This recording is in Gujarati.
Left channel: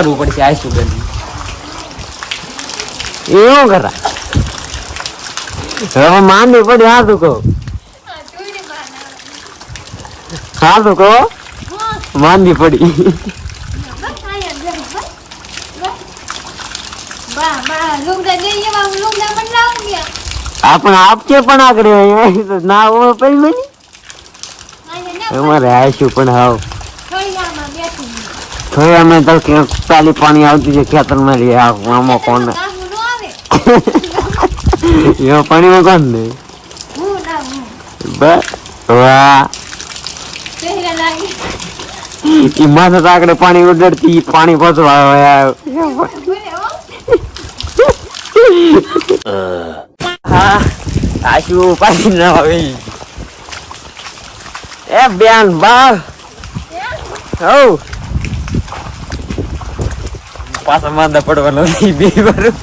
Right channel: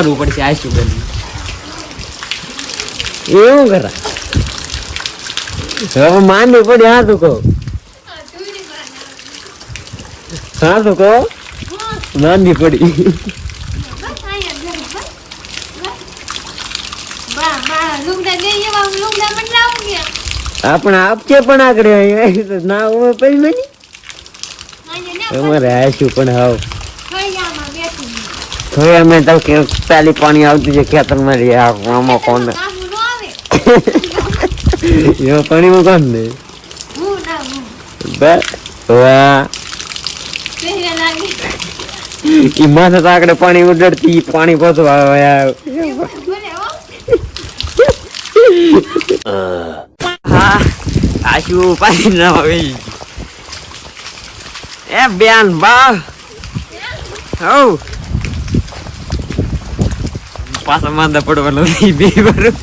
કરવું પડશે આ શું બેન એવું કરા હવે માંડી પડી હા તું કહો હા તું કહો માંડી પડી આપણે આપકે પણ આગળ ના હોય પેલી અમારે આવીશું પણ હાવ થોડી અમે તો પેલી પાણી આવતી છે ખેતરમાં લઈ આમાં કોણ એમાં પાણીમાં કોણ ને વાહ માથે આગળ પાણી ઉડડતી પાણી પહોંચવા હા આશુ પાણી ના આવી એ બેન બા હવ પાછા માંદા પડવાનો બે બરું